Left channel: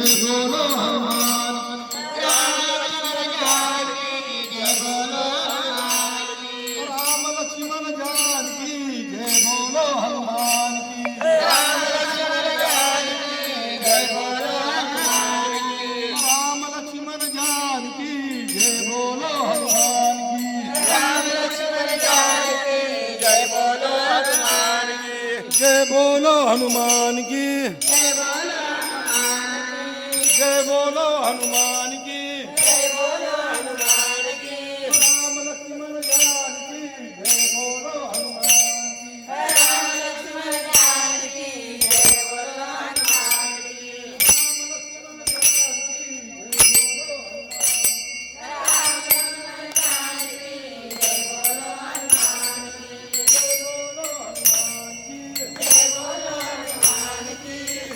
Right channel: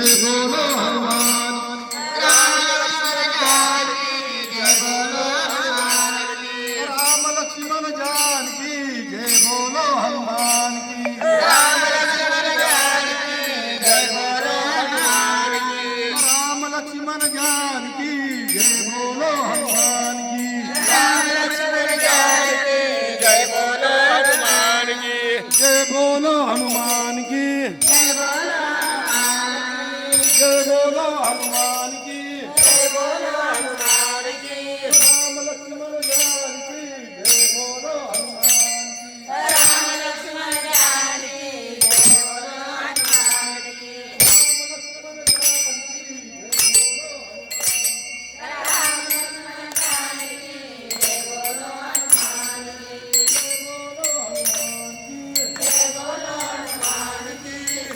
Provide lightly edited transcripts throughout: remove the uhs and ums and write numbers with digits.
जय बोलो हनुमान। राम लक्ष्मण जान की जय बोलो हनुमान की। राम लक्ष्मण जान की जय बोलो हनुमान की। जय बोलो हनुमान की। जय बोलो हनुमान की। राम लक्ष्मण जान की जय बोलो हनुमान की। जय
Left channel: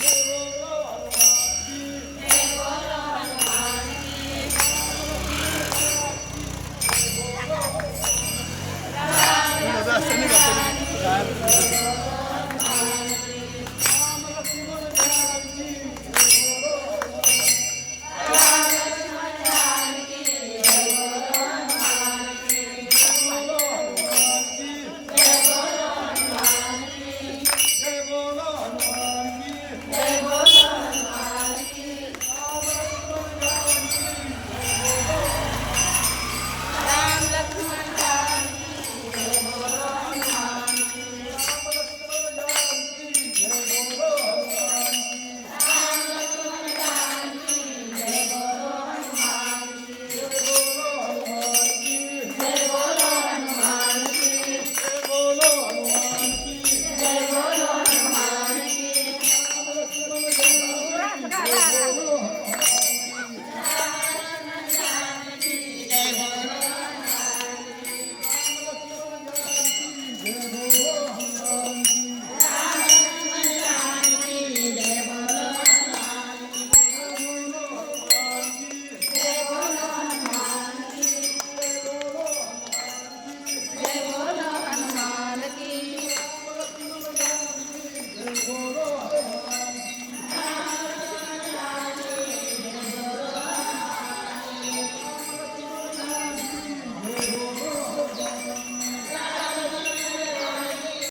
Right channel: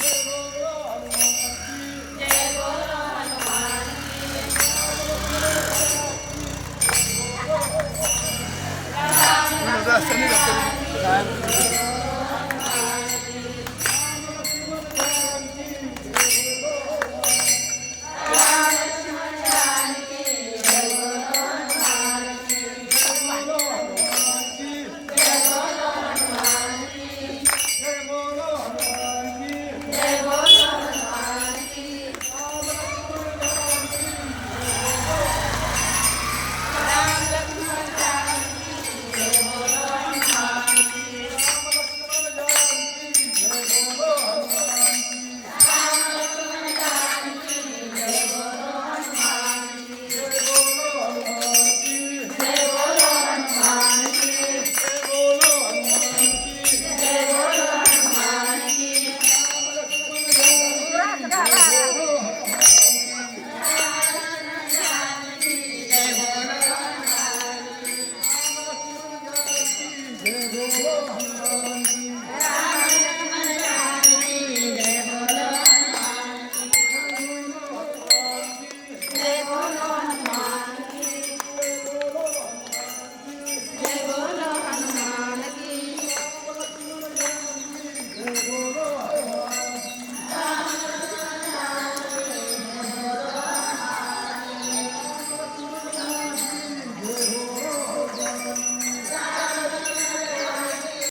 बोलो हनुमान की।